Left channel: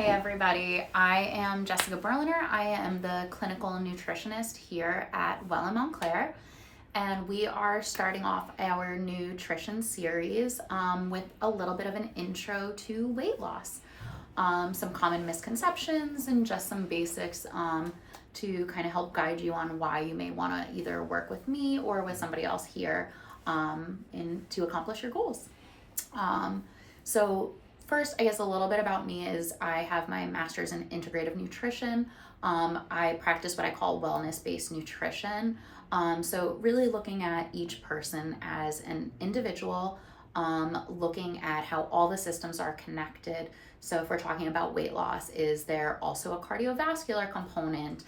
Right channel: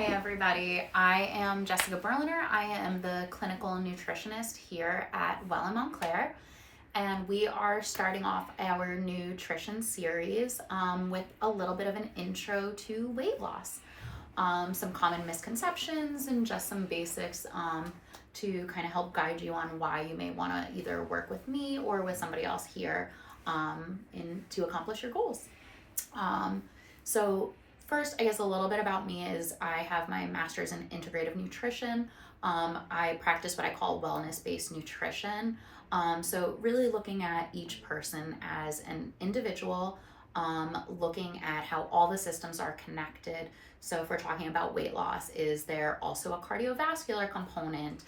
Hi, everybody. I am Jessica Berliner. I am the clinical nutritionist here at Well In Montclair, and we are starting off our nutrition series with a little bit of an intro to weight loss, some common misconceptions, and just some basics to kind of help guide you on why you may want to either work with me or with somebody else here to accomplish your goals. So first, I guess a little bit about me is I have my master's in integrative nutrition. I practice what I call wellness-based nutrition. So really looking at each person as an individual, looking at how all the systems are connected. So if we're talking about weight loss, is there also a cardiovascular component?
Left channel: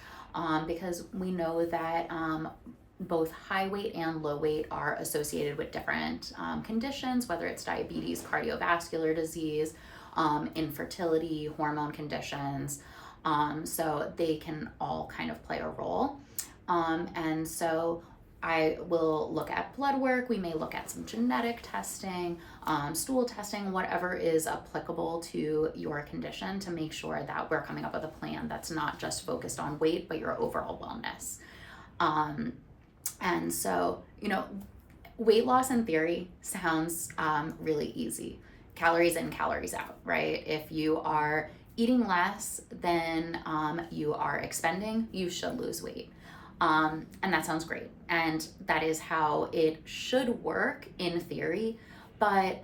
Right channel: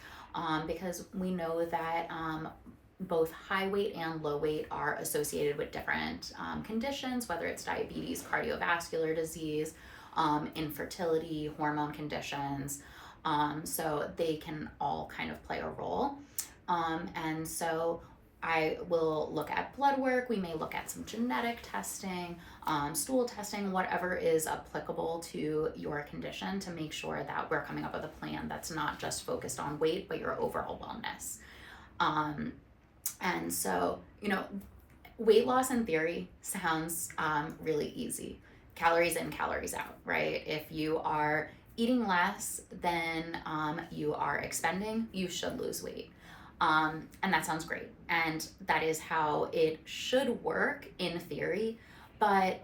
Because we know that both high weight and low weight are associated with different conditions, whether it's diabetes, cardiovascular disease, infertility, hormone conditions. So they can all kind of play a role. And so I will look at blood work. We may look at some genetic testing, stool testing, whatever is applicable to your condition to make sure that we're coming up with a plan that's not just focused on weight, but your overall wellness. And so, weight loss in theory sounds really easy. Calories in, calories out, right? If you are eating less than you are expending, you should lose weight. And that sounds great. And that is how it should work in theory. But,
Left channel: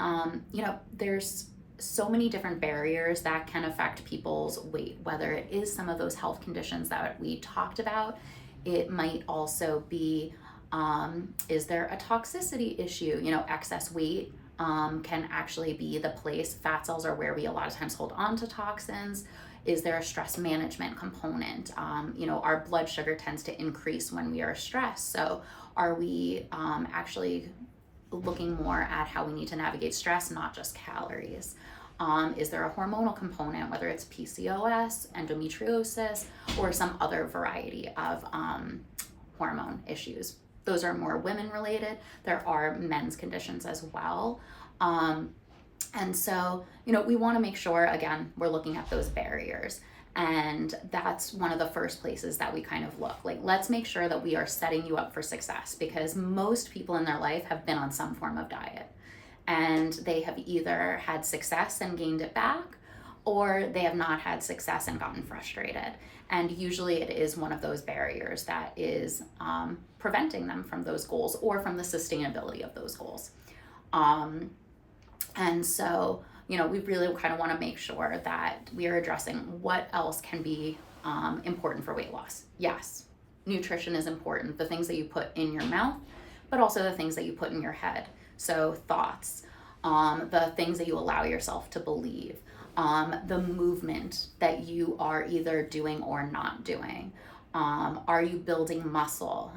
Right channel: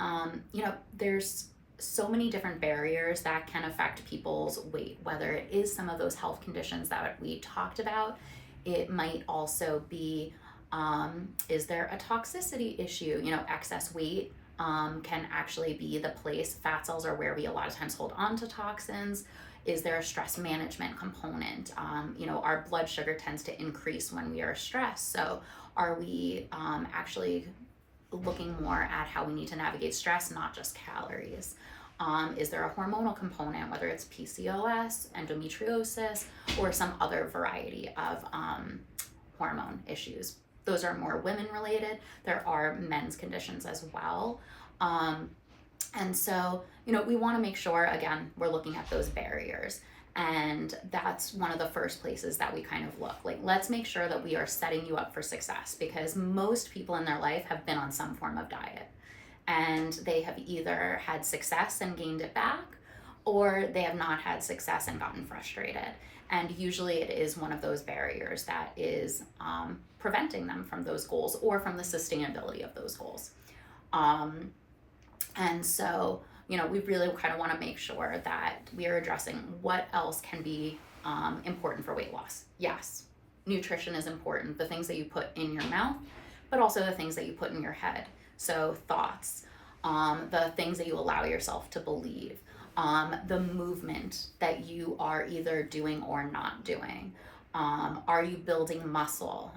there's so many different barriers that can affect people's weight, whether it is some of those health conditions that we talked about. It might also be, is there a toxicity issue? Excess weight can actually be the place. Fat cells are where we a lot of times hold on to toxins. Is there a stress management component? Our blood sugar tends to increase when we are stressed. So are we actually looking more at how we need to navigate stress, not just calories? Is there a hormonal component, whether it's PCOS, endometriosis, or some other variety of hormone issues? Those are more women related. There are men's conditions as well. And so, we want to make sure, again, we're looking at those barriers. And that's one of the first places that we kind of look. Like, let's make sure that we are setting you up for success, because most people in their life have been on some form of diet. And they have either had success and gained it back, or they have not had success and gotten frustrated. And usually it is one of those barriers that is preventing them from those goals or from the sustainability of those goals. And so, we really kind of want to make sure that we are addressing what else can be important for weight loss. Yes, nutrition is important, the things that you put in your mouth, but also the things that you put in your head. So thoughts, the things that you allow yourself to believe, the movement that you are either doing or not doing. Are you building muscle?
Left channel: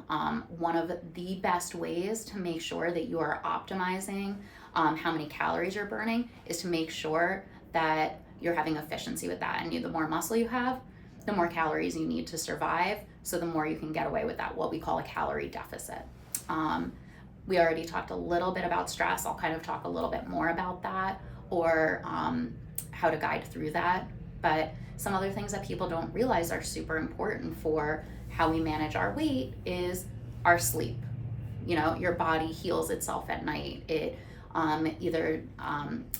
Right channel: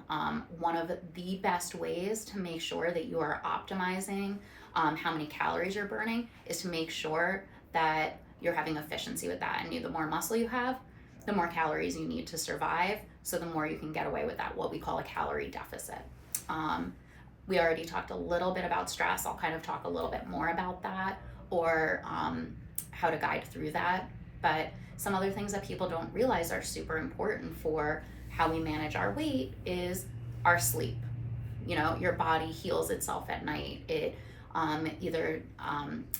One of the best ways to make sure that you are optimizing how many calories you're burning is to make sure that you're having efficiency with that. And the more muscle you have, the more calories you need to survive. So the more you can get away with that, what we call a calorie deficit. We already talked a little bit about stress. I'll kind of talk a little bit more about that, or how to guide through that. But some other things that people don't realize are super important for how we manage our weight is our sleep. Your body heals itself at night. It either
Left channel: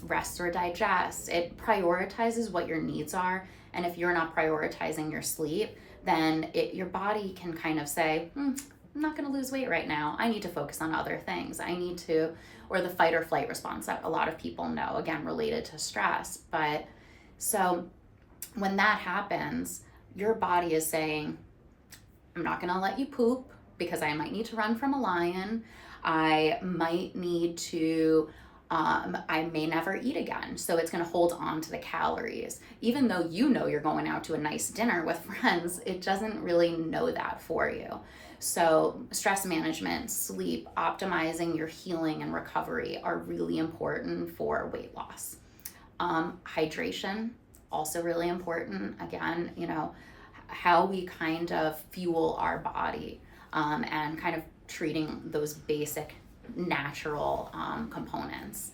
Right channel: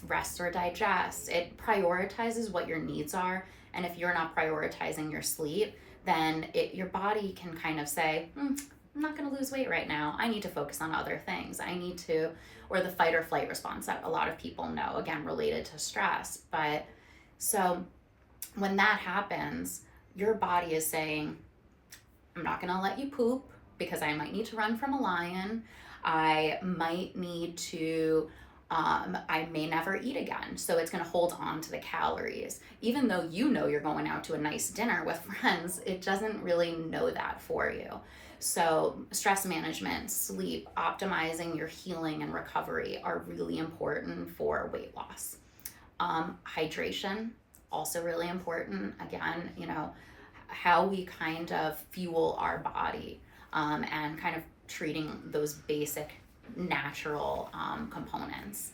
rests or digests. It prioritizes what your needs are. And if you're not prioritizing your sleep, then your body can kind of say, I'm not going to lose weight right now. I need to focus on other things. Or the fight or flight response that a lot of people know, again, related to stress. But so when that happens, your body is saying, I'm not going to let you poop because I might need to run from a lion. I might need to, I may never eat again. So it's going to hold on to the calories. Even though you're going out to a nice dinner with friends, it doesn't really know that for you. So stress management, sleep, optimizing your healing and recovery are really important for weight loss. Hydration, also really important. Again, how we kind of fuel our body and kind of treating those basic natural components.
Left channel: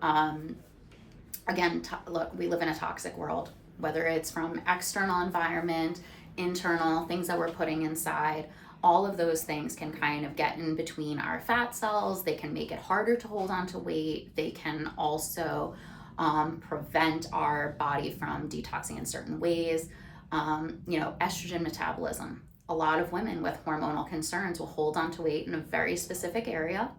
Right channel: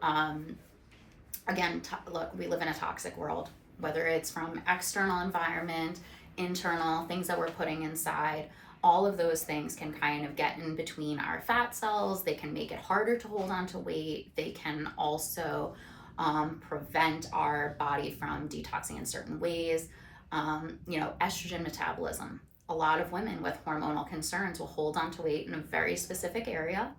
Again, look, we live in a toxic world. whether it's from external environment, internal, things that we're putting inside. All of those things can kind of get in between our fat cells. They can make it harder to hold on to weight. They can also prevent our body from detoxing in certain ways. Estrogen metabolism. A lot of women with hormonal concerns will hold on to weight in a very specific area.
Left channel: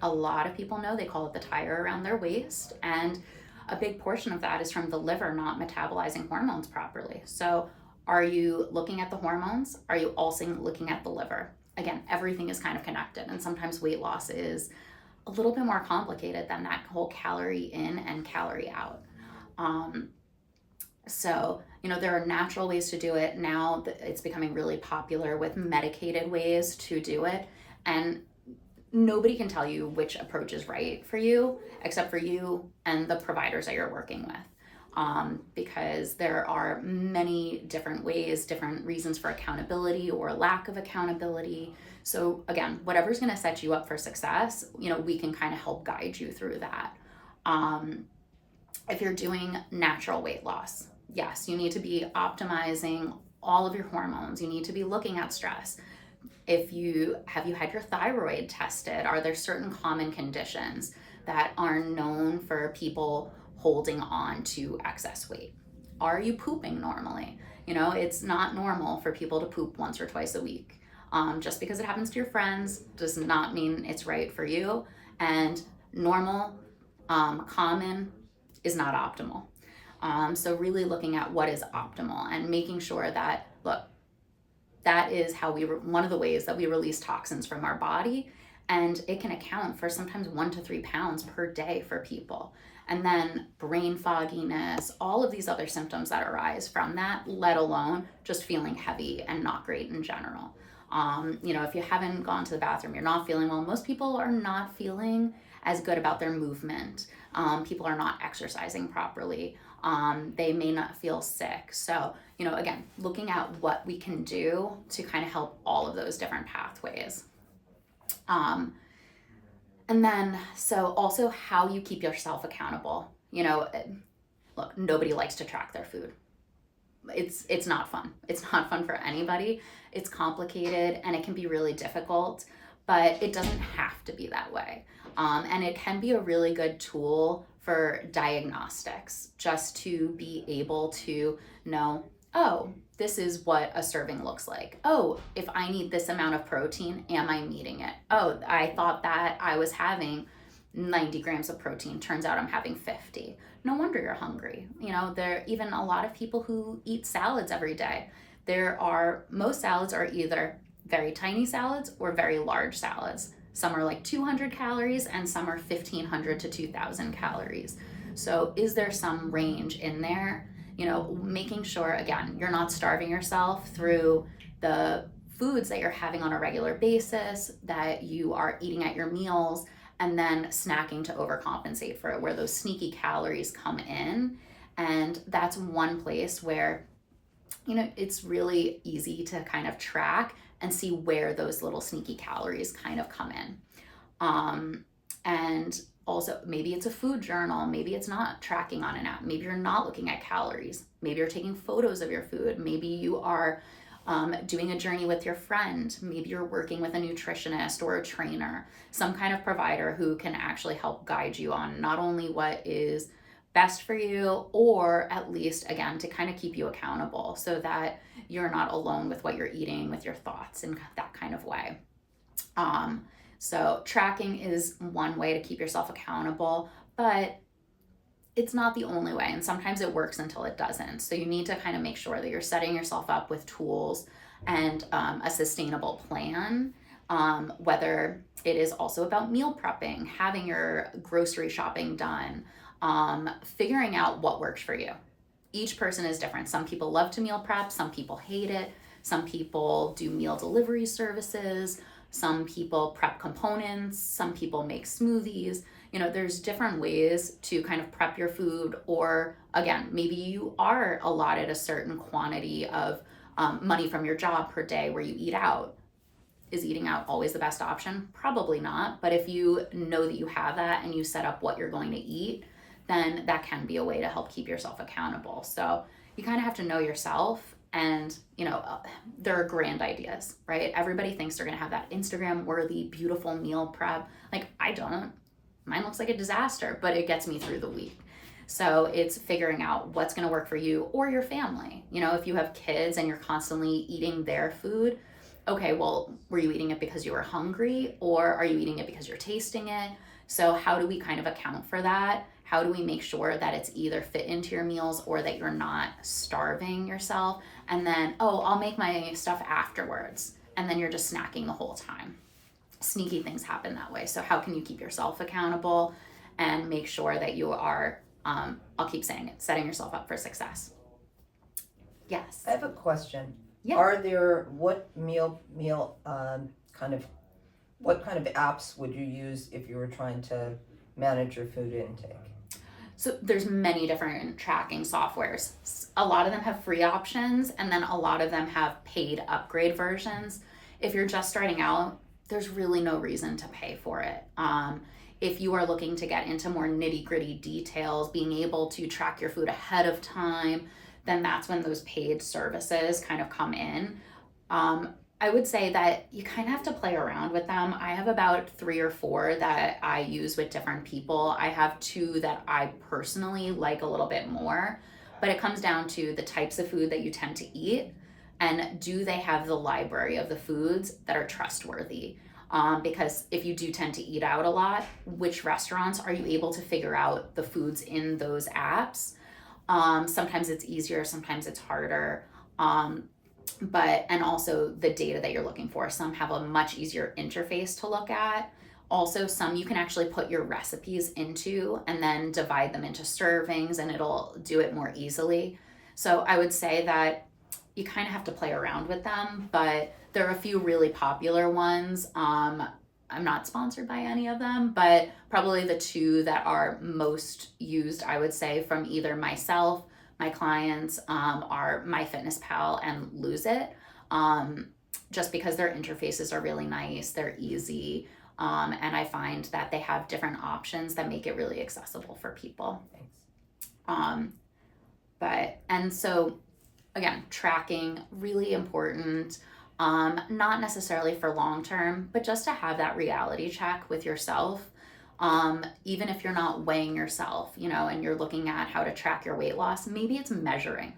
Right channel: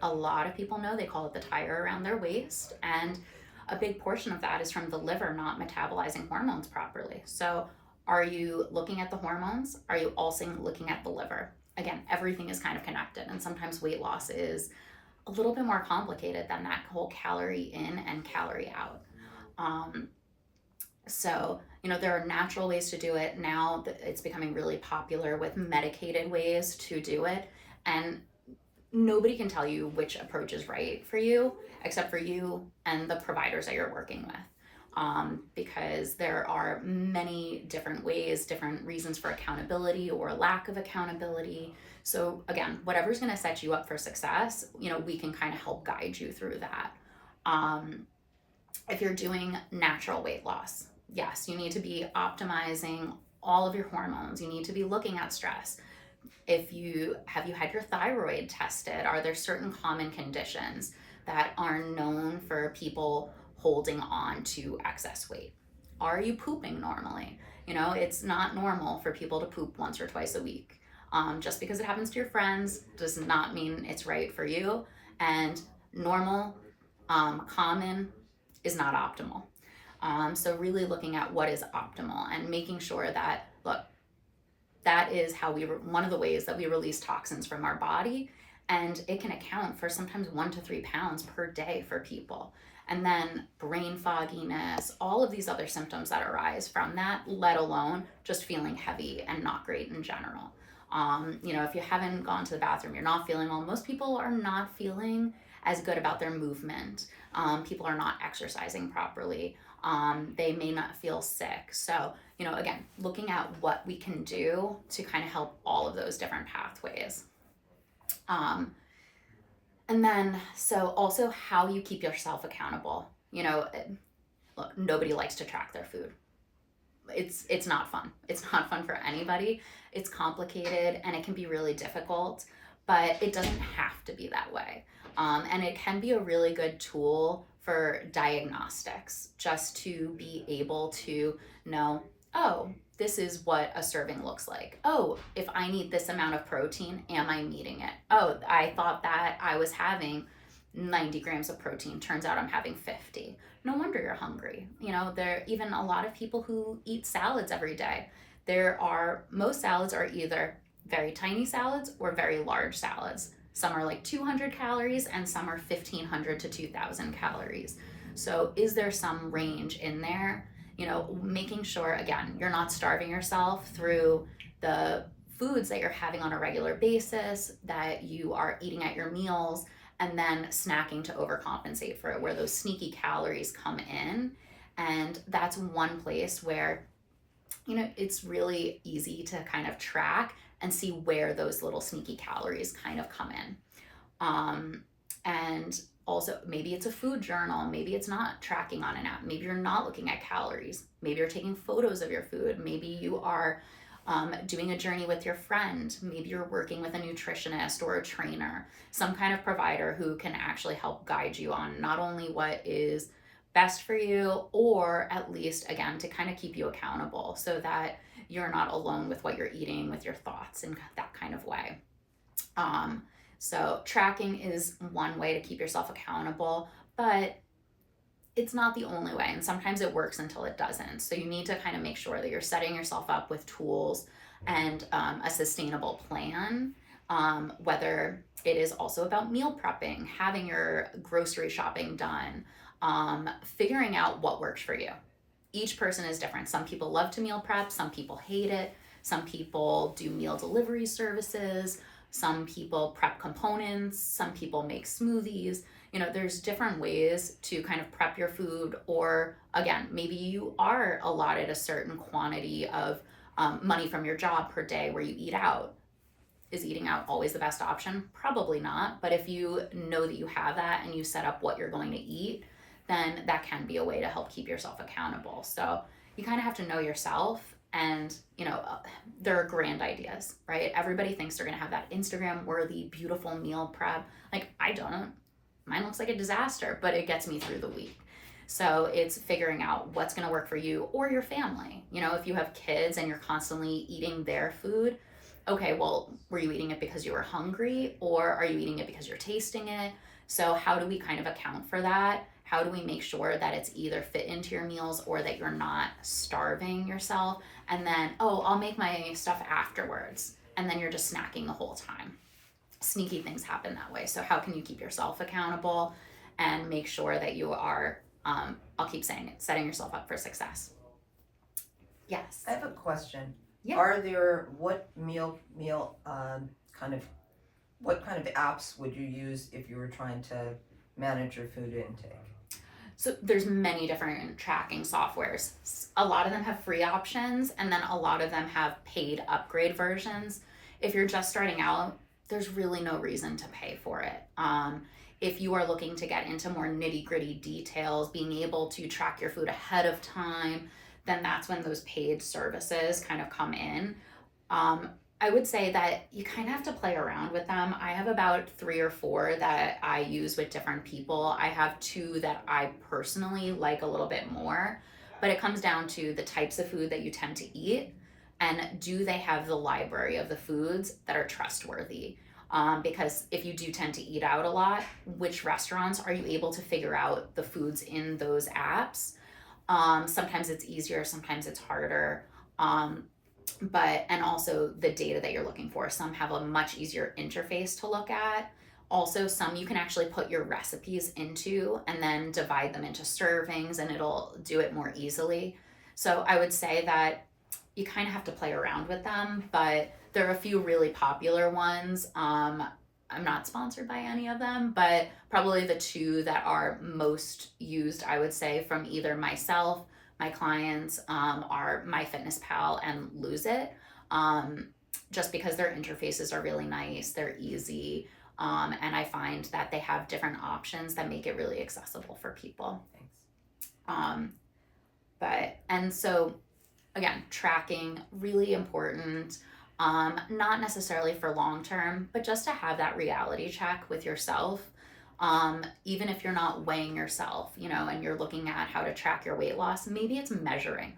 A lot of people know, they call it the tire around their waist. And a big portion of that is from the liver not metabolizing hormones properly. So are you looking at the hormones? Are you also looking at the liver? Again, everything is kind of connected. And sometimes weight loss is a little bit more complicated than that whole calorie in and calorie out. There are natural ways to do it. Now it's becoming really popular with medicated ways to do it. And nobody can tell you which approach is right for you, except for you and the providers that you're working with. Because there are many different ways, different reasons for accountability or lack of accountability. So again, whatever's going to set you up for success, we can kind of help guide you through that. If you're doing natural weight loss, yes, you need to be optimizing all of your hormones. You need to be looking at stress. Have you had your thyroid tested? Are there certain common conditions that are known for people holding on to excess weight? Are you pooping normally? It's not normal for people to poop once or twice a week. Just because it happens to your friends does not mean it's right for you. And normal, common is not optimal. So really looking at what is optimal and making sure that, look, that is how one of the ways that we release toxins from our body, and it can account for sometimes 1 to 3 pounds per day for people. And then brain fogginess, all of these other symptoms that arise from that, let alone just feeling heavy and not great in general. If you haven't gone to the bathroom, you're not feeling well. Most people are not feeling as good about their movement. People are not exercising properly. They may not feel sick. So, again, looking at what we can do to kind of help all of those different pathways. And then, so also how you keep yourself accountable. Look, nobody likes to track their food. It's not fun. It's not fun for anybody. It's complicated and it can be really difficult, but it doesn't have to be that way. And it can be a really good tool for diagnostics, just to be able to know, oh, this is what a serving looks like. Oh, if I need this amount of protein, am I meeting it? Oh, I thought that I was having 90 grams of protein. Turns out I'm having 50. No wonder you're hungry. There are even a lot of people who eat salads every day. Most salads are either very tiny salads or very large salads. Some are like 200 calories and some are 1,500 to 2,000 calories. So is there some range in there? Making sure, again, you're not starving yourself through the foods that you're having on a regular basis, that you are eating at your meals, and then snacking to overcompensate for it, where those sneaky calories come in. And that's one place where, it's really easy to kind of track and see where those little sneaky calories kind of come in. And also, maybe it's a food journal. Maybe it's not tracking on an app. Maybe you're not looking at calories. Maybe you're taking photos of your food. Maybe you are doing a journey with your friend. Maybe you're working with a nutritionist or a trainer, some kind of provider who can actually help guide you on not only what is best for you, or at least, again, to kind of keep you accountable so that you're not alone with what you're eating, with your thoughts, in that kind of way. So tracking is one way to keep yourself accountable, but it's not the only way. And sometimes it works until it doesn't. So you need to kind of make sure that you're setting yourself up with tools and a sustainable plan, whether it is also about meal prepping, having your grocery shopping done, figuring out what works for you. Each person is different. Some people love to meal prep. Some people hate it. Some people do meal delivery services. Some people prep components. Some people make smoothies. There's different ways to kind of prep your food. Or again, maybe you are allotted a certain quantity of money from your job per day where you eat out. Is eating out always the best option? Probably not. But if you know that you have that and you set up what you're going to eat, then that can be a way to help keep yourself accountable. So, you kind of have to know yourself. And, there are grand ideas, right? Everybody thinks they're going to have that Instagram worthy, beautiful meal prep. Like, I don't. Mine looks like a disaster, but it gets me through the week. So it's figuring out what's going to work for you or your family. If you have kids and you're constantly eating their food, okay, well, were you eating it because you were hungry, or are you eating it because you're tasting it? So how do we kind of account for that? How do we make sure that it's either fit into your meals or that you're not starving yourself? And then, oh, I'll make my stuff afterwards. And then you're just snacking the whole time. Sneaky things happen that way. So how can you keep yourself accountable and make sure that you are, I'll keep saying it, setting yourself up for success? Yes. I have a question. Yeah. Are there, what kind of apps would you use if you were trying to manage your food intake? So there's many different tracking softwares. A lot of them have free options, and then a lot of them have paid upgrade versions. If you're just starting out, there's really no reason to pay for it. If you are looking to get into more nitty gritty details, being able to track your food ahead of time, then that's when those paid services kind of come in. I would say that you kind of have to play around with them. I have about 3 or 4 that I use with different people. I have 2 that I personally like a little bit more, but it comes down to the types of food that you tend to eat, and do they have the library of the foods that are trustworthy? Because if you do tend to eat out a lot, which restaurants are you able to figure out the foods in those apps? Sometimes it's easier, sometimes it's harder. And also the data that you're looking for. Some have a much easier interface to look at. Also, some you can actually put your recipes into and then divide them into servings, and it'll do it more easily. So I would say that you kind of have to play around with them, but there are a few really popular ones. I'm not sponsored by any of them, but probably the 2 that are most used, I would say, from either myself, my clients, are MyFitnessPal and Lose It, just because their interfaces are really nice, they're easy, and I find that they have different options that make it really accessible for people. Thanks. And so again, tracking, really important. Not necessarily for long term, but just to have that reality check with yourself. Even if you're not weighing yourself, and you're looking at how to track your weight loss, maybe it's measuring.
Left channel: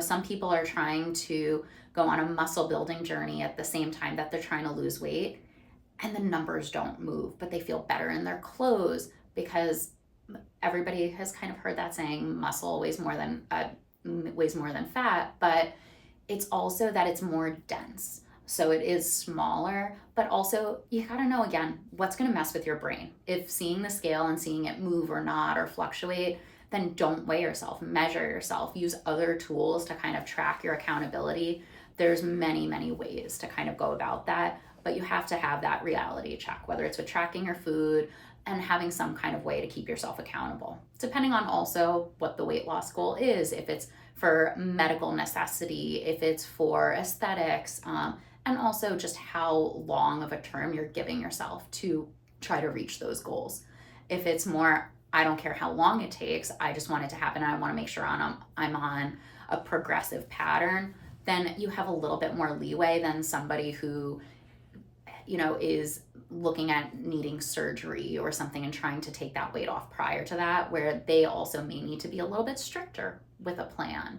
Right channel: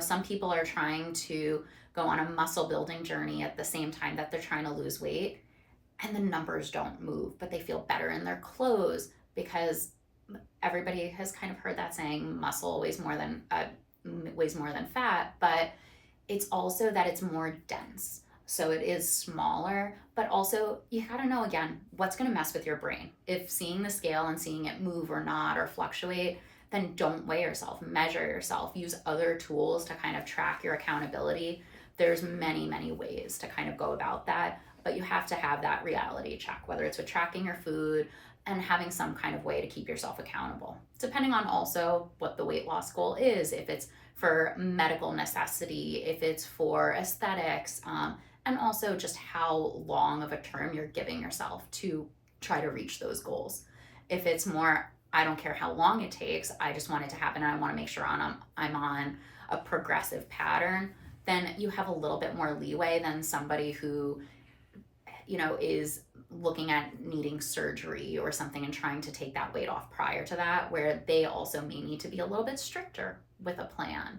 Some people are trying to go on a muscle building journey at the same time that they're trying to lose weight, and the numbers don't move, but they feel better in their clothes, because everybody has kind of heard that saying, muscle weighs more than fat, but it's also that it's more dense. So it is smaller, but also you gotta know, again, what's gonna mess with your brain. If seeing the scale and seeing it move or not or fluctuate, then don't weigh yourself, measure yourself, use other tools to kind of track your accountability. There's many, many ways to kind of go about that, but you have to have that reality check, whether it's with tracking your food and having some kind of way to keep yourself accountable, depending on also what the weight loss goal is, if it's for medical necessity, if it's for aesthetics, and also just how long of a term you're giving yourself to try to reach those goals. If it's more, I don't care how long it takes, I just want it to happen, and I want to make sure I'm on a progressive pattern, then you have a little bit more leeway than somebody who, is looking at needing surgery or something and trying to take that weight off prior to that, where they also may need to be a little bit stricter with a plan.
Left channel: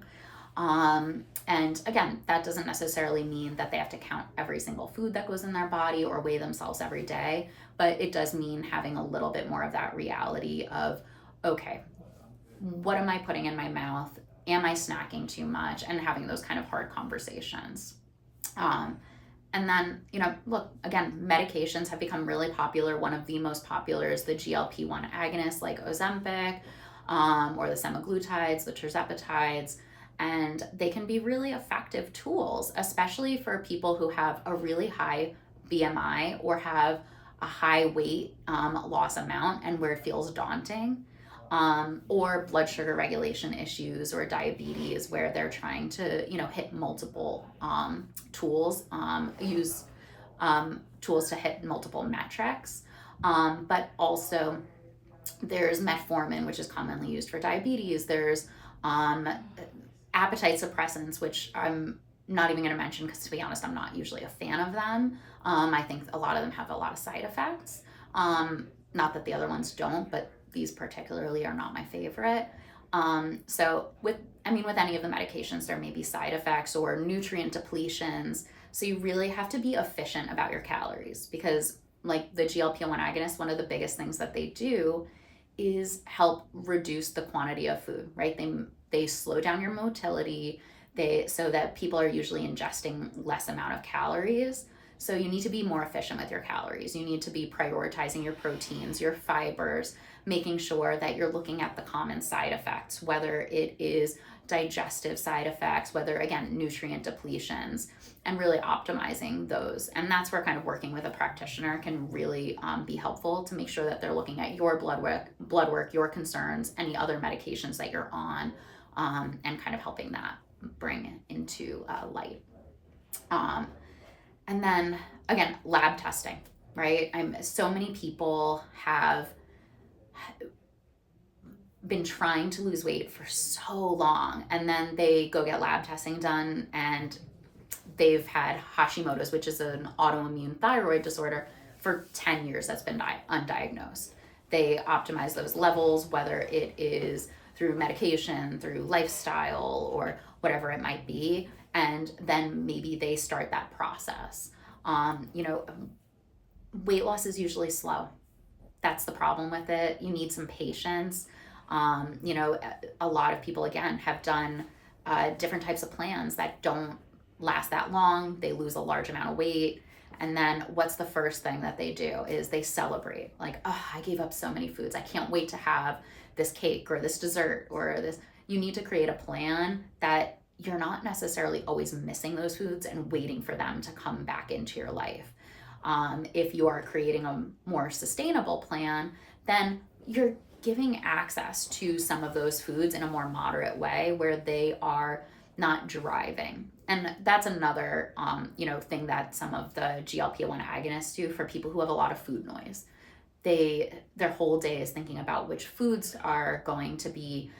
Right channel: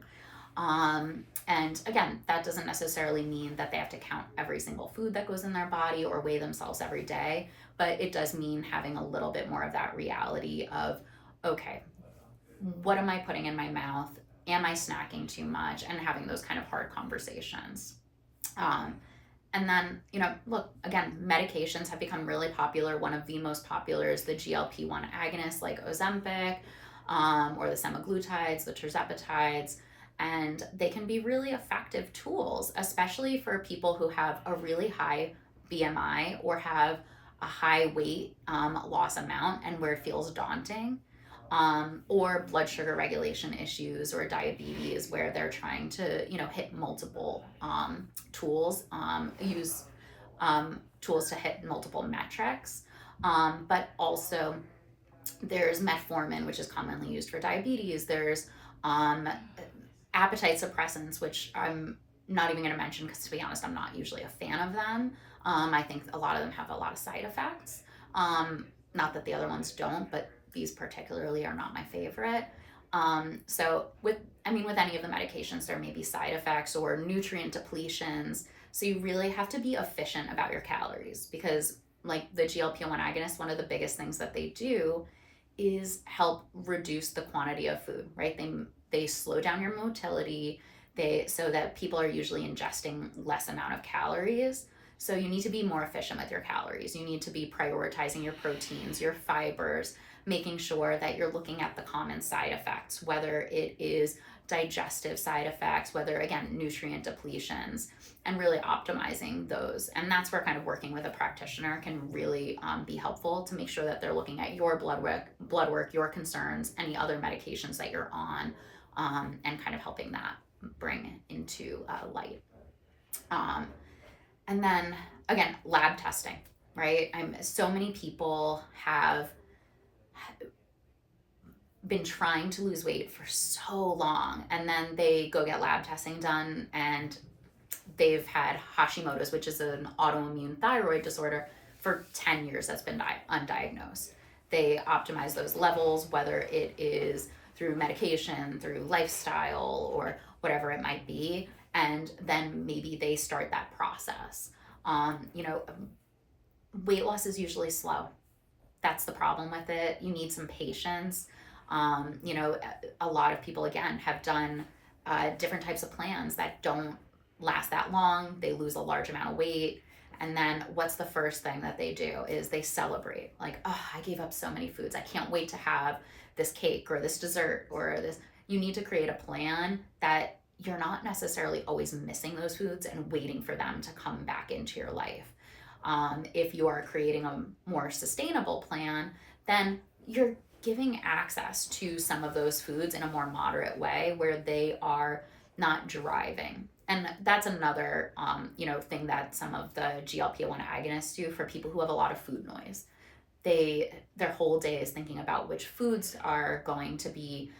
And again, that doesn't necessarily mean that they have to count every single food that goes in their body or weigh themselves every day, but it does mean having a little bit more of that reality of, okay, what am I putting in my mouth? Am I snacking too much? And having those kind of hard conversations. And then, look, again, medications have become really popular. One of the most popular is the GLP-1 agonists like Ozempic, or the semaglutides, the tirzepatides, and they can be really effective tools, especially for people who have a really high BMI or have a high weight loss amount and where it feels daunting, or blood sugar regulation issues or diabetes where they're trying to, hit multiple tools, use tools to hit multiple metrics. But also there's metformin, which is commonly used for diabetes. There's appetite suppressants, which I'm not even going to mention because, to be honest, I'm not usually a fan of them. I think a lot of them have a lot of side effects. Not that the other ones don't, but these particularly are not my favorite. So with any of the medications, there may be side effects or nutrient depletions. So you really have to be efficient about your calories, because like the GLP-1 agonists, one of the biggest things that they do is help reduce the quantity of food, right? They slow down your motility, so that people are usually ingesting less amount of calories. So you need to be more efficient with your calories. You need to be prioritizing your proteins, your fibers, making sure that you're looking at the common side effects, whether it is digestive side effects, whether, again, nutrient depletions, and really optimizing those. And that's where kind of working with a practitioner can really be helpful, to make sure that they're looking at your blood work, your concerns, any other medications that you're on, and kind of helping that bring into light. And then again, lab testing, right? So many people have been trying to lose weight for so long, and then they go get lab testing done, and they've had Hashimoto's, which is an autoimmune thyroid disorder, for 10 years that's been undiagnosed. They optimize those levels, whether it is through medication, through lifestyle, or whatever it might be, and then maybe they start that process. Weight loss is usually slow. That's the problem with it. You need some patience. A lot of people, again, have done different types of plans that don't last that long. They lose a large amount of weight. And then what's the first thing that they do is they celebrate. Like, oh, I gave up so many foods. I can't wait to have this cake or this dessert or this. You need to create a plan that you're not necessarily always missing those foods and waiting for them to come back into your life. If you are creating a more sustainable plan, then you're giving access to some of those foods in a more moderate way, where they are not driving. And that's another thing that some of the GLP-1 agonists do for people who have a lot of food noise. Their whole day is thinking about which foods are going to be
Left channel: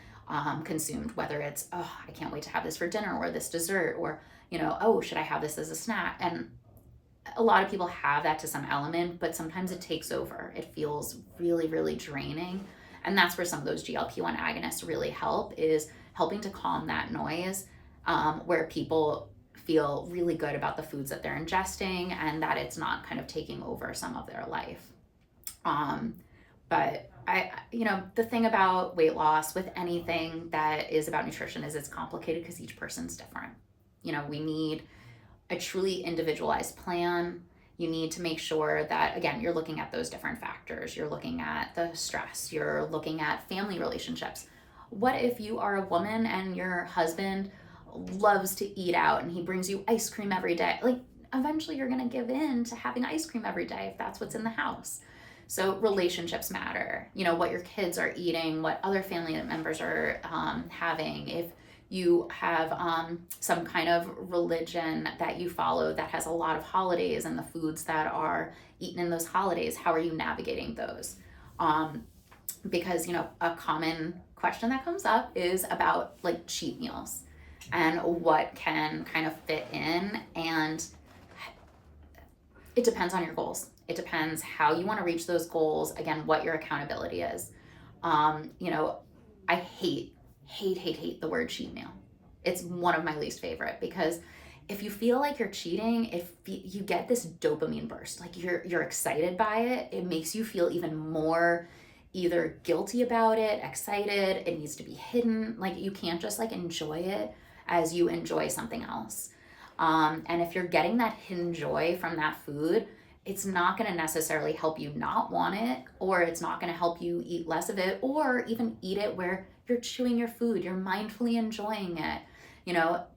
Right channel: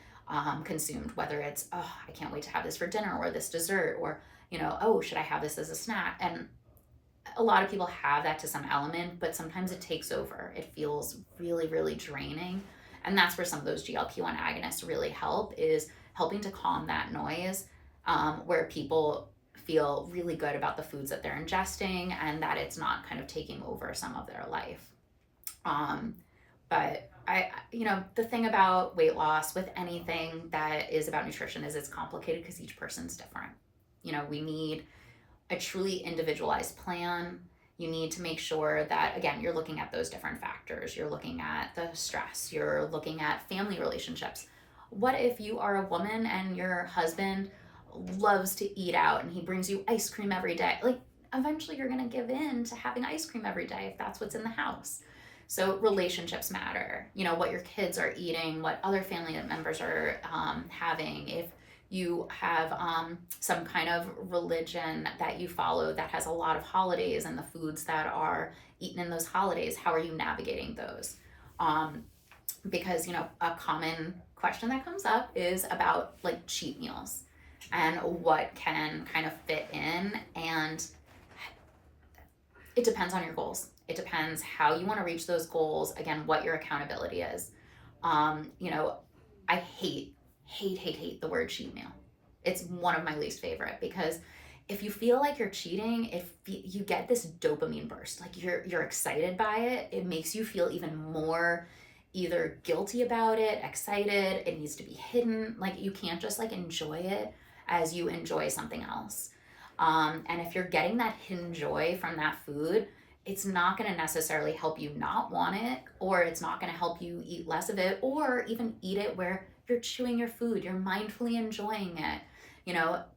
consumed, whether it's, oh, I can't wait to have this for dinner, or this dessert, or oh, should I have this as a snack? And a lot of people have that to some element, but sometimes it takes over. It feels really, really draining. And that's where some of those GLP-1 agonists really help, is helping to calm that noise, where people feel really good about the foods that they're ingesting, and that it's not kind of taking over some of their life. But the thing about weight loss with anything that is about nutrition is it's complicated, because each person's different. We need a truly individualized plan. You need to make sure that, again, you're looking at those different factors. You're looking at the stress. You're looking at family relationships. What if you are a woman and your husband loves to eat out and he brings you ice cream every day? Like, eventually you're going to give in to having ice cream every day if that's what's in the house. So relationships matter. What your kids are eating, what other family members are having. If you have some kind of religion that you follow that has a lot of holidays, and the foods that are eaten in those holidays, how are you navigating those? Because a common question that comes up is about like cheat meals and what can kind of fit in, and it depends on your goals. It depends how you want to reach those goals. Again, what your accountability is. I hate the word cheat meal. It's one of my least favorite, because if you feel like you're cheating, if you get this dopamine burst, like you're excited by it, it makes you feel even more either guilty about it, excited. It needs to be hidden. Like, you can't just like enjoy it as you enjoy something else. And if you're getting that hidden joy from that food, it's not going to necessarily help you not want it, or it's not going to help you eat less of it, or even eat it where you're chewing your food, you're mindfully enjoying it.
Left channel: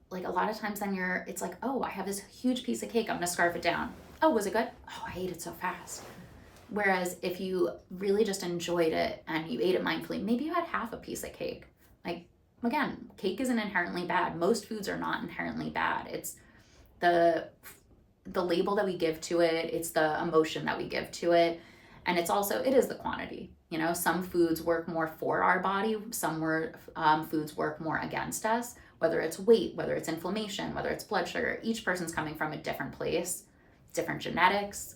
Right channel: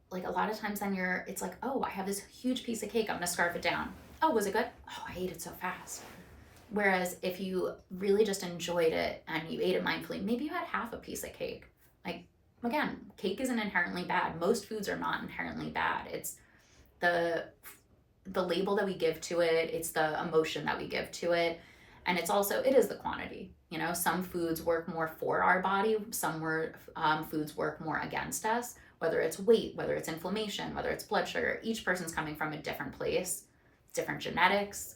Like a lot of times then it's like, oh, I have this huge piece of cake, I'm going to scarf it down. Oh, was it good? Oh, I ate it so fast. Whereas if you really just enjoyed it and you ate it mindfully, maybe you had half a piece of cake. Like, again, cake isn't inherently bad. Most foods are not inherently bad. It's the label that we give to it, it's the emotion that we give to it, and it is the quantity. Some foods work more for our body, some foods work more against us. whether it's weight, whether it's inflammation, whether it's blood sugar. Each person's coming from a different place, different genetics,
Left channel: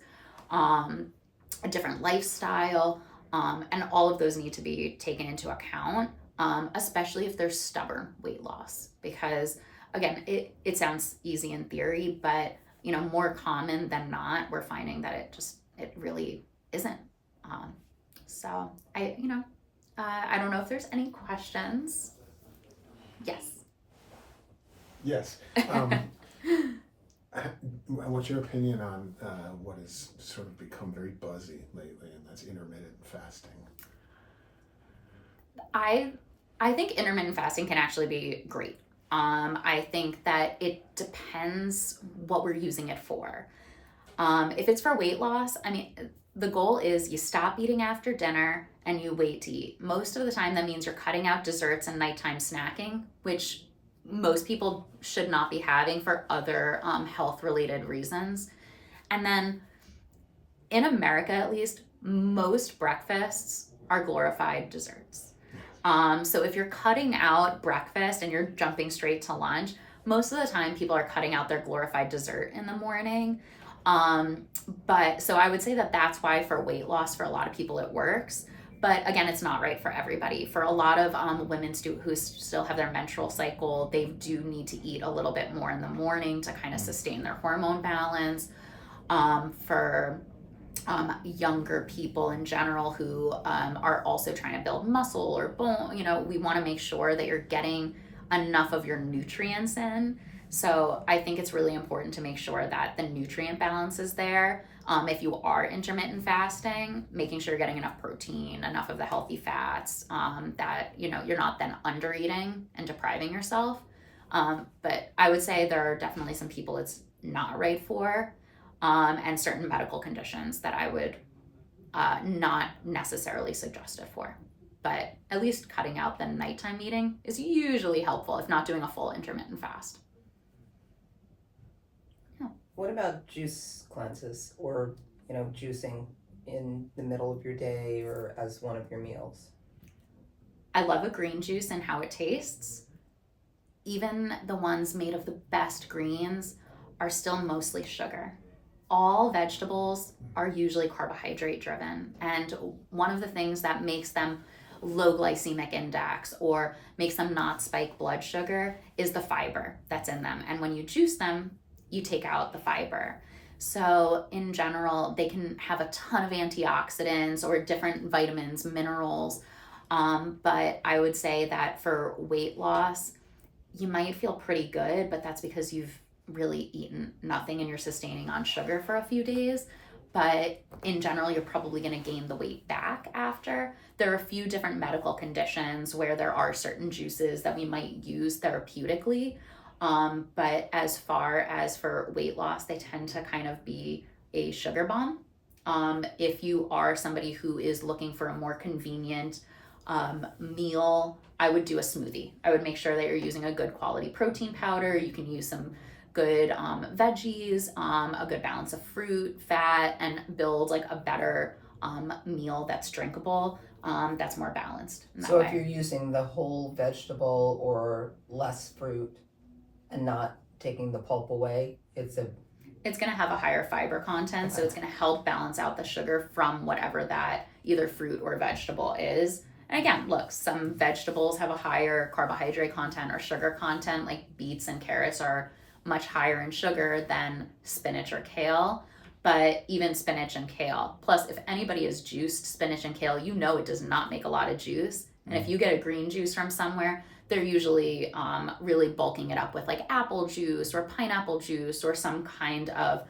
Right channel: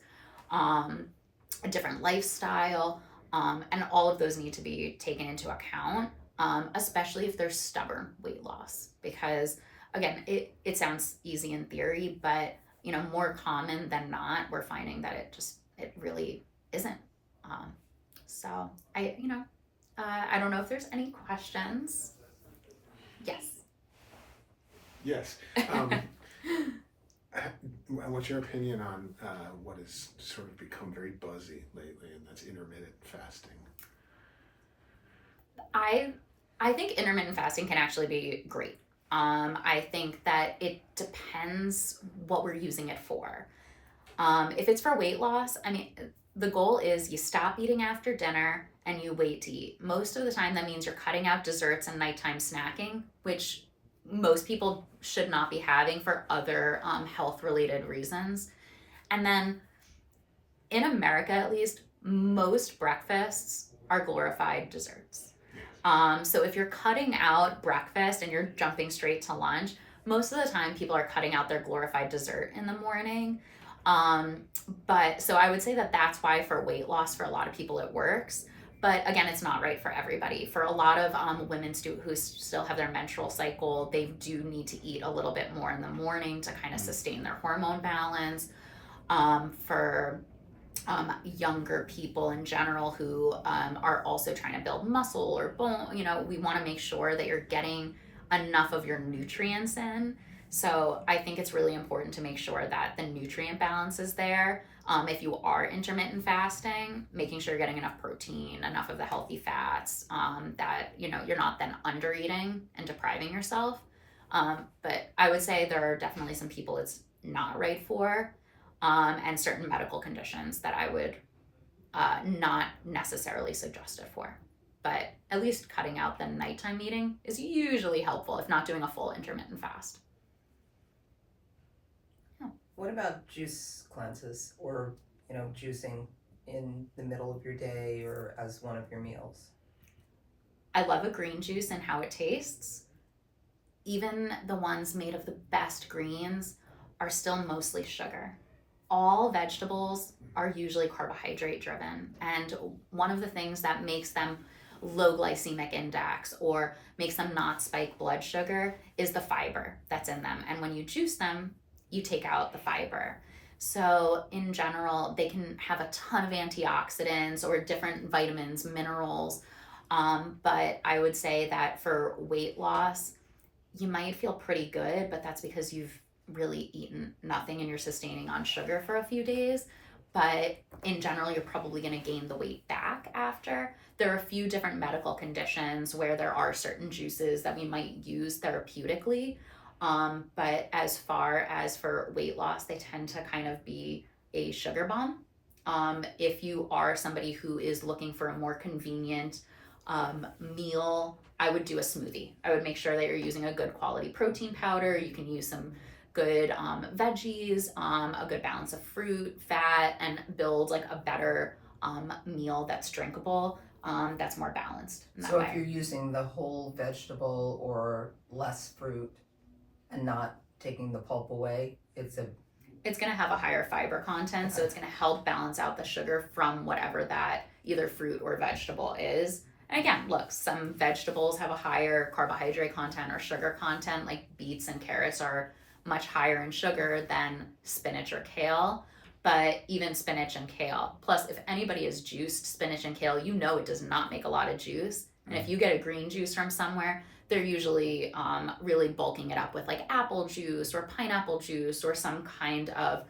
a different lifestyle, and all of those need to be taken into account, especially if there's stubborn weight loss. Because again, it sounds easy in theory, but more common than not, we're finding that it really isn't. So I don't know if there's any questions. Yes. Yes. What's your opinion on what has sort of become very buzzy lately, and that's intermittent fasting? I think intermittent fasting can actually be great. I think that it depends what we're using it for. If it's for weight loss, I mean, the goal is you stop eating after dinner and you wait to eat. Most of the time, that means you're cutting out desserts and nighttime snacking, which most people should not be having for other health-related reasons. And then in America, at least, most breakfasts are glorified desserts. So if you're cutting out breakfast and you're jumping straight to lunch, most of the time people are cutting out their glorified dessert in the morning. But so I would say that that's why for weight loss, for a lot of people, it works. But again, it's not right for everybody. For a lot of women who still have their menstrual cycle, they do need to eat a little bit more in the morning to kind of sustain their hormone balance. For younger people in general who are also trying to build muscle or bone, we want to make sure that you're getting enough of your nutrients in. So I think it's really important to make sure that the nutrient balance is there. If you are intermittent fasting, making sure you're getting enough protein, enough of the healthy fats, that you're not then under eating and depriving yourself. But I would say there are definitely some people it's not right for, and certain medical conditions that I would not necessarily suggest it for. But at least cutting out the nighttime eating is usually helpful, if not doing a full intermittent fast. What about juice cleanses or, juicing in the middle of your day or as one of your meals? I love a green juice and how it tastes. Even the ones made of the best greens are still mostly sugar. All vegetables are usually carbohydrate driven. And one of the things that makes them low glycemic index or makes them not spike blood sugar is the fiber that's in them. And when you juice them, you take out the fiber. So in general, they can have a ton of antioxidants or different vitamins, minerals. But I would say that for weight loss, you might feel pretty good, but that's because you've really eaten nothing and you're sustaining on sugar for a few days. But in general, you're probably going to gain the weight back after. There are a few different medical conditions where there are certain juices that we might use therapeutically. But as far as for weight loss, they tend to kind of be a sugar bomb. If you are somebody who is looking for a more convenient meal, I would do a smoothie. I would make sure that you're using a good quality protein powder. You can use some good veggies, a good balance of fruit, fat, and build like a better meal that's drinkable, that's more balanced in that So way. if you're using the whole vegetable or less fruit and not taking the pulp away, it's going to have a higher fiber content, Okay. so it's going to help balance out the sugar from whatever that either fruit or vegetable is. And again, look, some vegetables have a higher carbohydrate content or sugar content, like beets and carrots are much higher in sugar than spinach or kale. But even spinach and kale, plus if anybody has juiced spinach and kale, it does not make a lot of juice. And if you get a green juice from somewhere, they're usually really bulking it up with like apple juice or pineapple juice or some kind of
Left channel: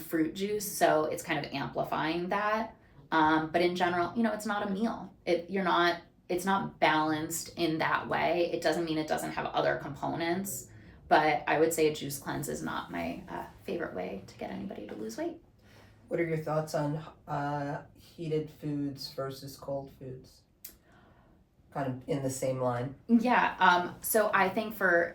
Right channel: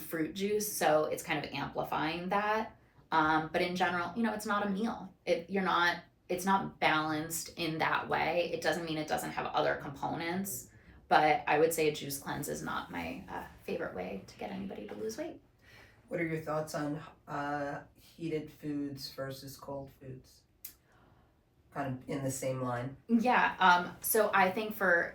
fruit juice. So it's kind of amplifying that. But in general, it's not a meal. It's not balanced in that way. It doesn't mean it doesn't have other components. But I would say a juice cleanse is not my favorite way to get anybody to lose weight. What are your thoughts on heated foods versus cold foods? Kind of in the same line. Yeah. So I think for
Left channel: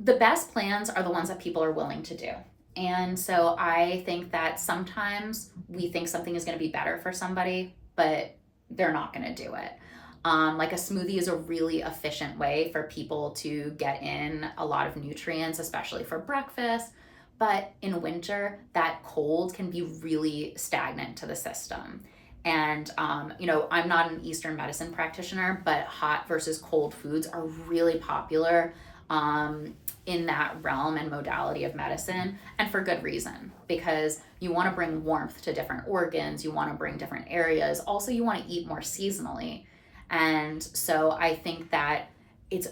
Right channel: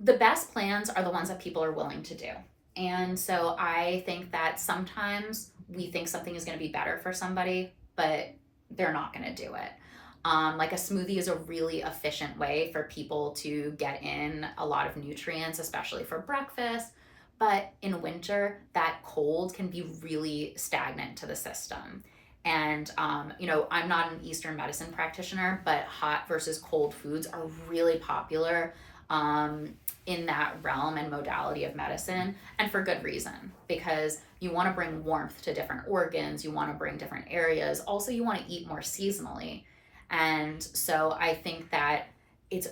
the best plans are the ones that people are willing to do. And so I think that sometimes we think something is going to be better for somebody, but they're not going to do it. Like a smoothie is a really efficient way for people to get in a lot of nutrients, especially for breakfast. But in winter, that cold can be really stagnant to the system. And, I'm not an Eastern medicine practitioner, but hot versus cold foods are really popular in that realm and modality of medicine, and for good reason, because you want to bring warmth to different organs, you want to bring different areas. Also, you want to eat more seasonally. And so I think that it's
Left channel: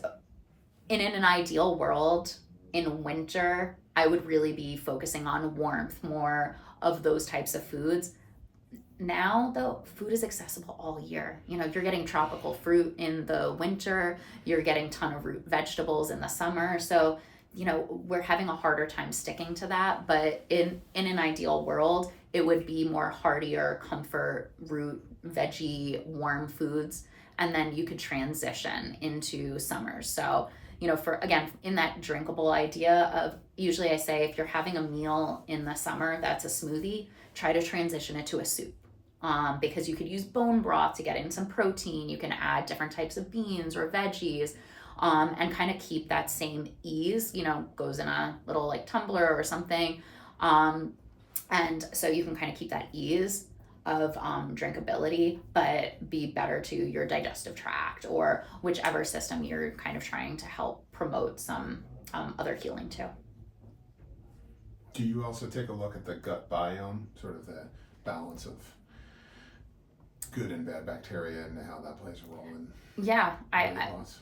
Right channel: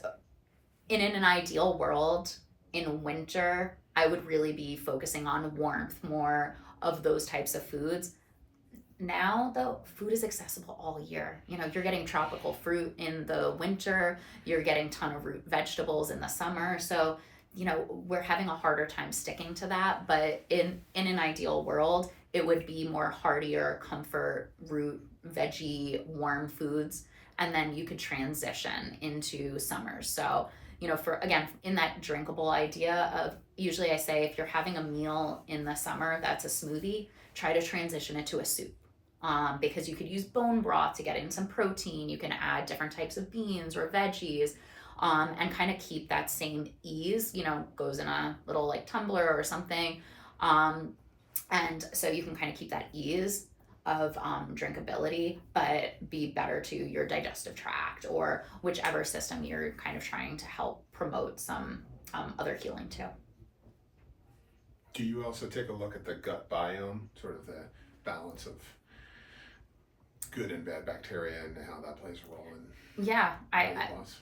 in an ideal world in winter, I would really be focusing on warmth, more of those types of foods. Now, though, food is accessible all year. You're getting tropical fruit in the winter, you're getting ton of root vegetables in the summer. So, we're having a harder time sticking to that. But in an ideal world, it would be more heartier, comfort, root, veggie, warm foods. And then you could transition into summers. So, for again, in that drinkable idea of, usually I say if you're having a meal in the summer that's a smoothie, try to transition it to a soup. Because you could use bone broth to get in some protein. You can add different types of beans or veggies, and kind of keep that same ease, goes in a little like tumbler or something. And so you can kind of keep that ease of drinkability, but be better to your digestive tract or whichever system you're kind of trying to help promote some other healing too. Do you also take a look at the gut biome, sort of the balance of good and bad bacteria and how that plays a role in weight loss?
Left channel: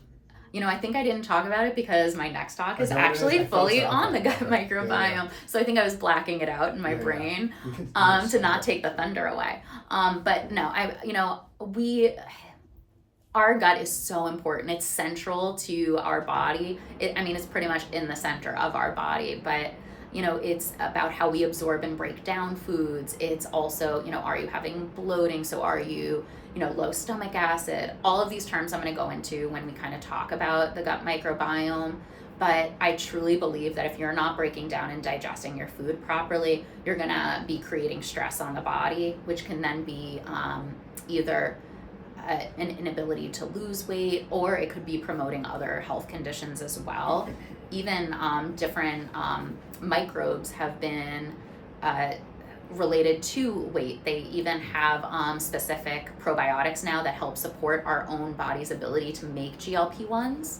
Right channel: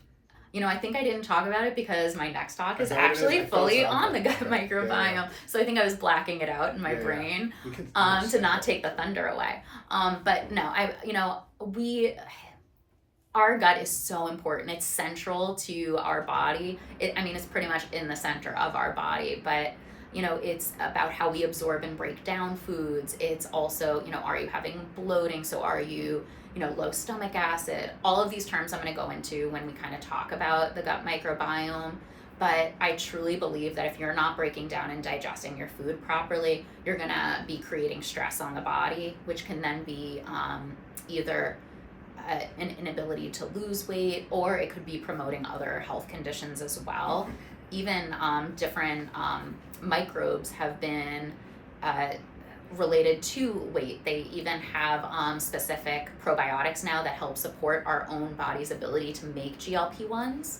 I think I didn't talk about it because my next talk is I know it is. actually I felt fully something on the gut about it. microbiome. Yeah. So I think I was blacking it out in my Yeah. brain We can to not take the thunder away. But no, our gut is so important. It's central to our body. It's pretty much in the center of our body, but it's about how we absorb and break down foods. It's also, are you having bloating? So are you, low stomach acid? All of these terms I'm going to go into when we kind of talk about the gut microbiome. But I truly believe that if you're not breaking down and digesting your food properly, you're going to be creating stress on the body, which can then be either an inability to lose weight, or it could be promoting other health conditions as well. Even different microbes have been related to weight. They even have specific probiotics now that help support our own body's ability to make GLP-1s.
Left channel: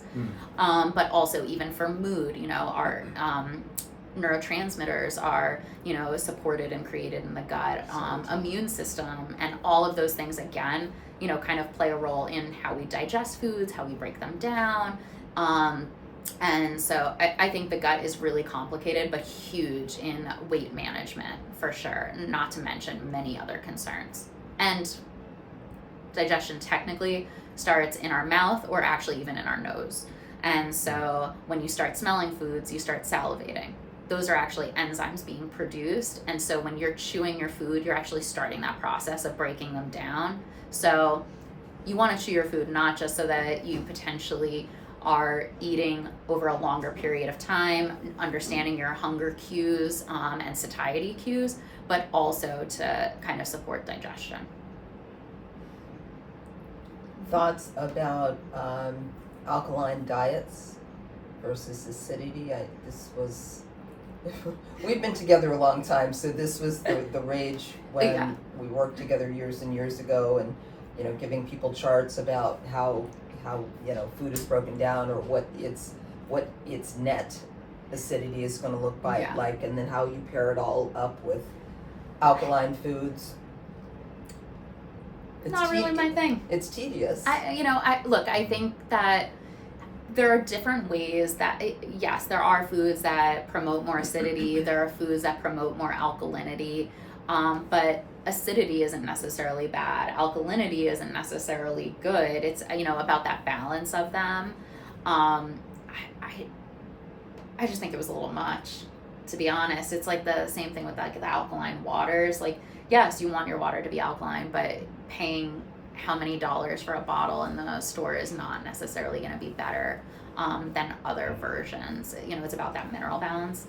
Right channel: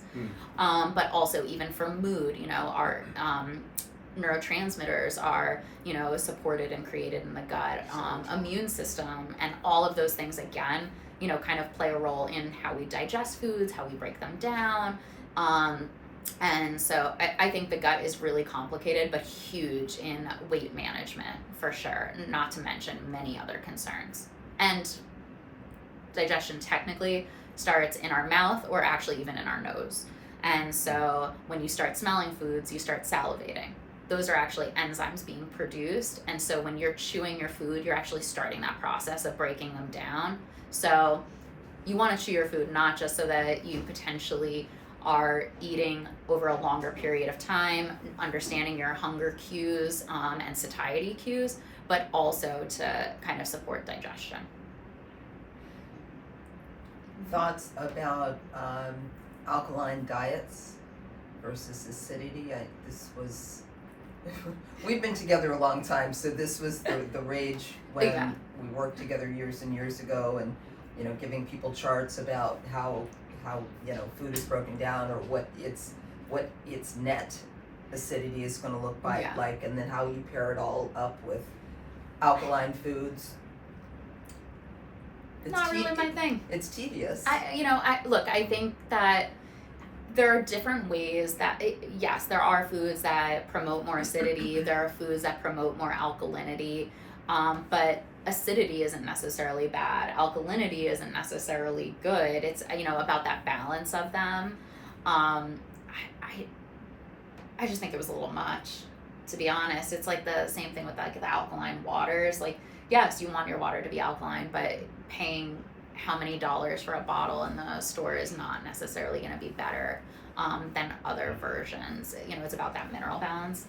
But also even for mood, our neurotransmitters are, supported and created in the gut. Immune system and all of those things, again, kind of play a role in how we digest foods, how we break them down. And so I think the gut is really complicated, but huge in weight management for sure, not to mention many other concerns. And digestion technically starts in our mouth or actually even in our nose. And so when you start smelling foods, you start salivating. Those are actually enzymes being produced. And so when you're chewing your food, you're actually starting that process of breaking them down. So you want to chew your food not just so that you potentially are eating over a longer period of time, understanding your hunger cues and satiety cues, but also to kind of support digestion. Thoughts about alkaline diets versus acidity? We've been together a long time, so this was the rage when we worked together years and years ago, and giving people charts about how food is broken down, or what its net acidity is going to look like, and then how you pair it all up with alkaline foods. It's not really my thing. It's tedious. I think that there are different ways that, yes, there are foods that promote more acidity, there are foods that promote more alkalinity, but acidity isn't necessarily bad. Alkalinity isn't necessarily good. It's, about that balance of them. I just think it was a little much, to be honest. It's like the same thing with like the alkaline waters. Like, yes, you want your water to be alkaline, but paying how many dollars for a bottle in the store is not necessarily going to be better than other versions. It's about that mineral balance.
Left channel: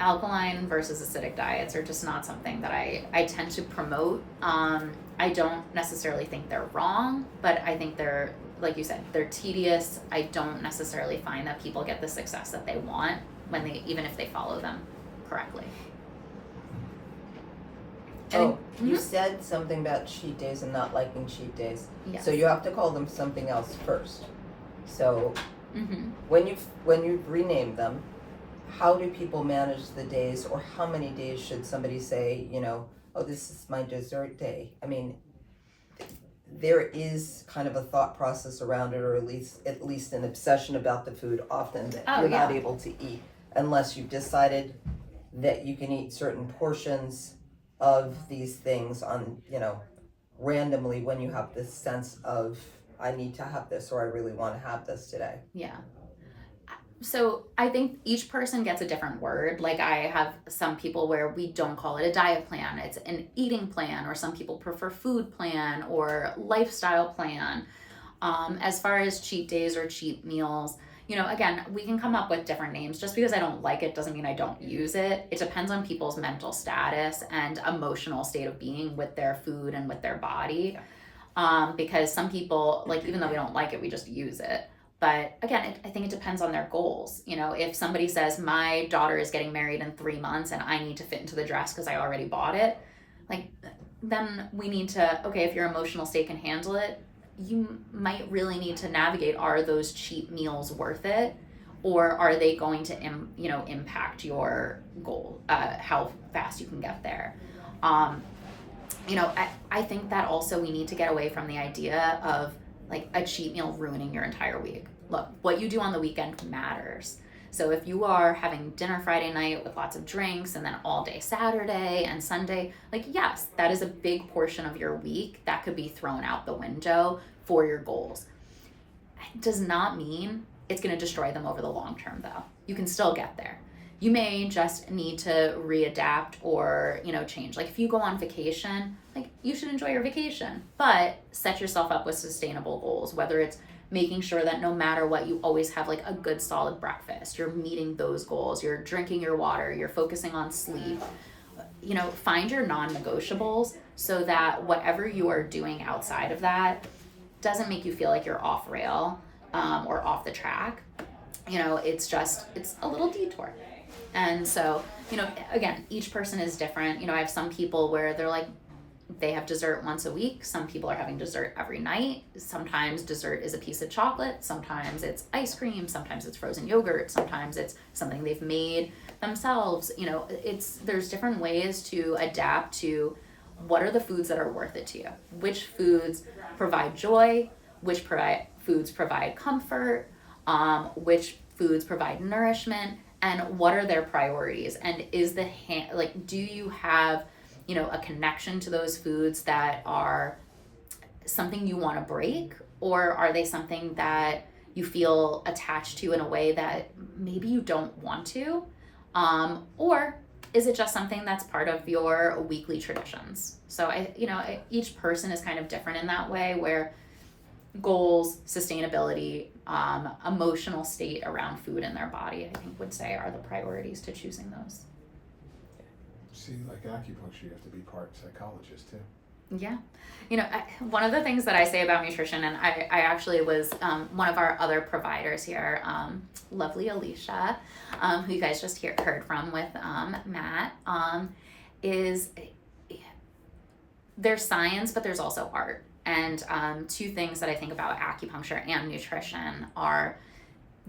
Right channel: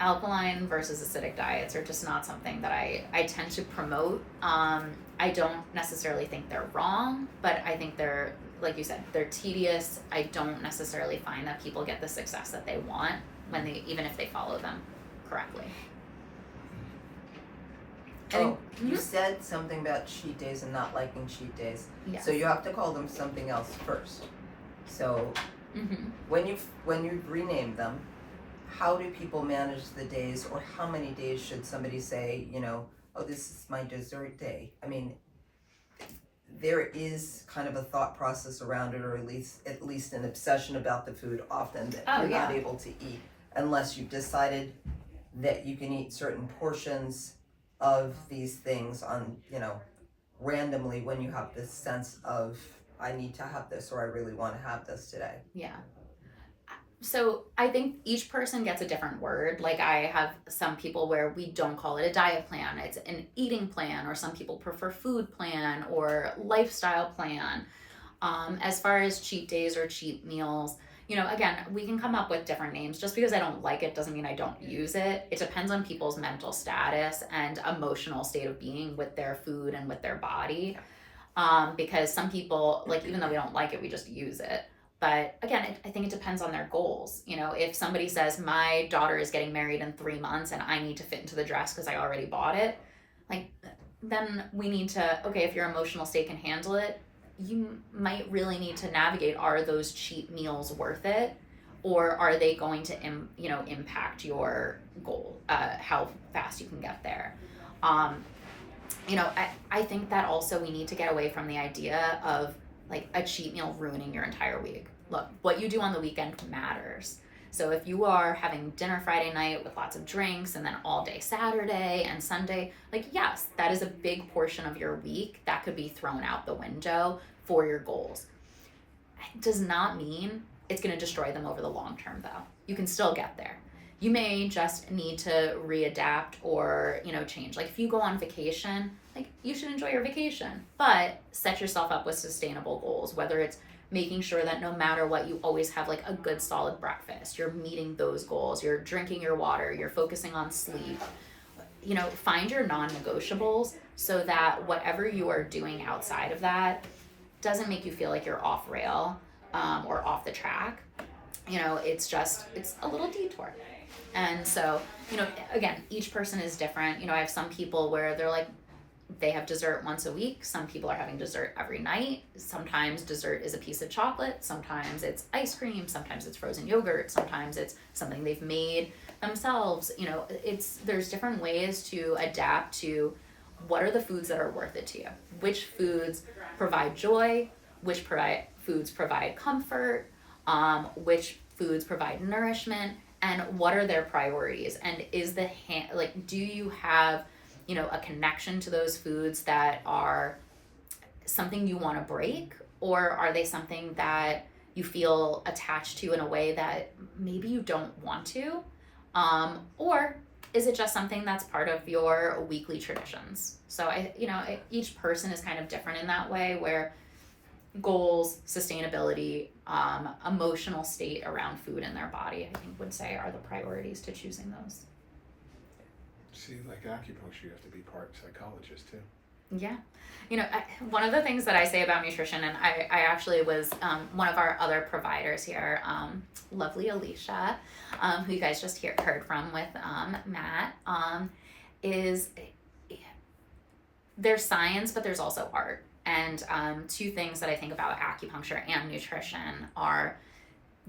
alkaline versus acidic diets are just not something that I tend to promote. I don't necessarily think they're wrong, but I think they're, like you said, they're tedious. I don't necessarily find that people get the success that they want when they, even if they follow them correctly. You said something about cheat days and not liking cheat days. Yes. So you have to call them something else first. So Mm-hmm. when you've renamed them, how do people manage the days, or how many days should somebody say, oh, this is my dessert day? I mean, there is kind of a thought process around it, or at least an obsession about the food often that you're not able to eat unless you've decided that you can eat certain portions of these things on, randomly, when you have this sense of, I need to have this, or I really want to have this today. Yeah. So I think each person gets a different word. Like, I have some people where we don't call it a diet plan, it's an eating plan, or some people prefer food plan or lifestyle plan. As far as cheat days or cheat meals, again, we can come up with different names. Just because I don't like it doesn't mean I don't use it. It depends on people's mental status and emotional state of being with their food and with their body. Because some people, like, even though we don't like it, we just use it. But again, I think it depends on their goals. If somebody says, my daughter is getting married in 3 months and I need to fit into the dress because I already bought it, like, then we need to, okay, if your emotional state can handle it, you might really need to navigate, are those cheat meals worth it? Or are they going to, impact your goal, how fast you can get there? I think that also we need to get away from the idea of, like, a cheat meal ruining your entire week. Look, what you do on the weekend matters. So if you are having dinner Friday night with lots of drinks and then all day Saturday and Sunday, like, yes, that is a big portion of your week that could be thrown out the window for your goals. It does not mean it's going to destroy them over the long term, though. You can still get there. You may just need to readapt or, change. Like, if you go on vacation, like, you should enjoy your vacation, but set yourself up with sustainable goals, whether it's making sure that no matter what, you always have, like, a good solid breakfast. You're meeting those goals. You're drinking your water. You're focusing on sleep. Find your non-negotiables so that whatever you are doing outside of that doesn't make you feel like you're off rail or off the track. It's a little detour. And so, again, each person is different. I have some people where they're like, they have dessert once a week. Some people are having dessert every night. Sometimes dessert is a piece of chocolate. Sometimes it's ice cream. Sometimes it's frozen yogurt. Sometimes it's something they've made themselves. There's different ways to adapt to what are the foods that are worth it to you. Which foods provide joy? Which foods provide comfort? Which foods provide nourishment? And what are their priorities? And is do you have, a connection to those foods that are something you want to break? Or are they something that you feel attached to in a way that maybe you don't want to? Or is it just something that's part of your weekly traditions? So each person is kind of different in that way, where goals, sustainability, emotional state around food in their body, I think would say are the priorities to choosing those. See, like acupuncture, you have to be part psychologist too. Yeah. One of the things that I say about nutrition, and I actually was one of our other providers here, lovely Alicia, who you guys just heard from with Matt, is there's science, but there's also art. And two things that I think about acupuncture and nutrition are,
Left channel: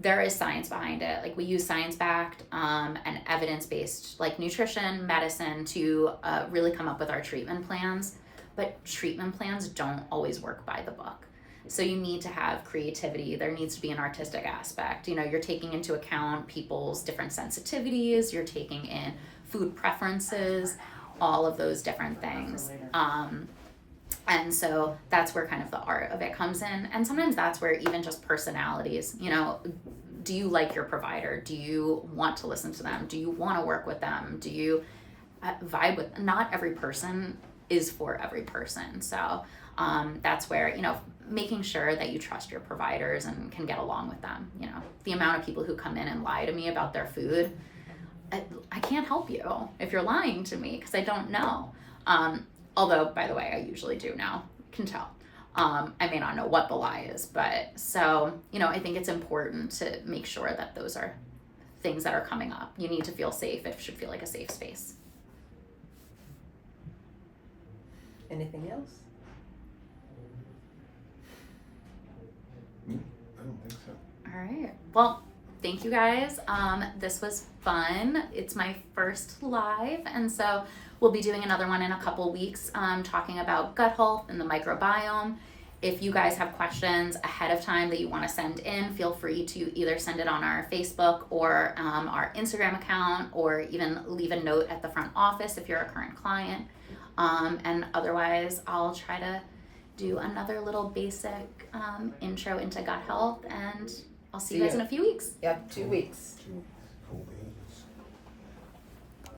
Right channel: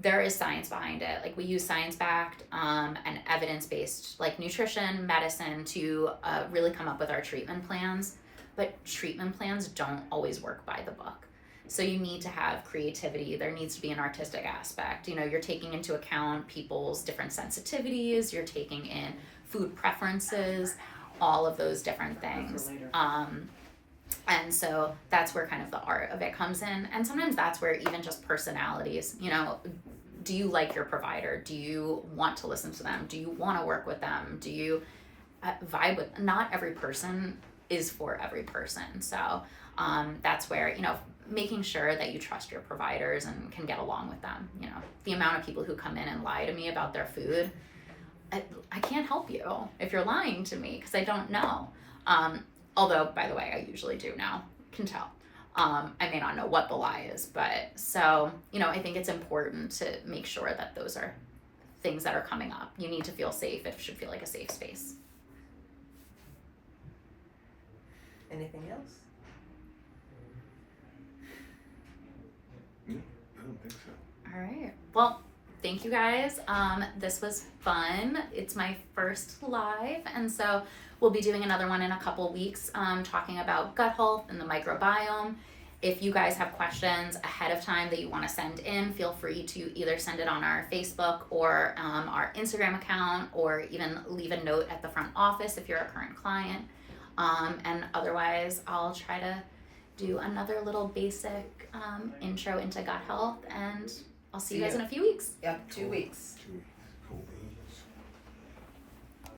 there is science behind it. Like, we use science-backed and evidence-based, like, nutrition, medicine to really come up with our treatment plans. But treatment plans don't always work by the book. So you need to have creativity. There needs to be an artistic aspect. You're taking into account people's different sensitivities. You're taking in food preferences, all of those different things. And so that's where kind of the art of it comes in. And sometimes that's where even just personalities, do you like your provider? Do you want to listen to them? Do you want to work with them? Do you vibe with, not every person is for every person. So that's where, making sure that you trust your providers and can get along with them. The amount of people who come in and lie to me about their food, I can't help you if you're lying to me because I don't know. Although, by the way, I usually do now, can tell. I may not know what the lie is, but so, I think it's important to make sure that those are things that are coming up. You need to feel safe. It should feel like a safe space. Anything else? I don't think so. All right. Well, thank you guys. This was fun. It's my first live, and so we'll be doing another one in a couple weeks, talking about gut health and the microbiome. If you guys have questions ahead of time that you want to send in, feel free to either send it on our Facebook or our Instagram account, or even leave a note at the front office if you're a current client. And otherwise, I'll try to do another little basic intro into gut health, and I'll see you guys in a few weeks. Yep, 2 weeks.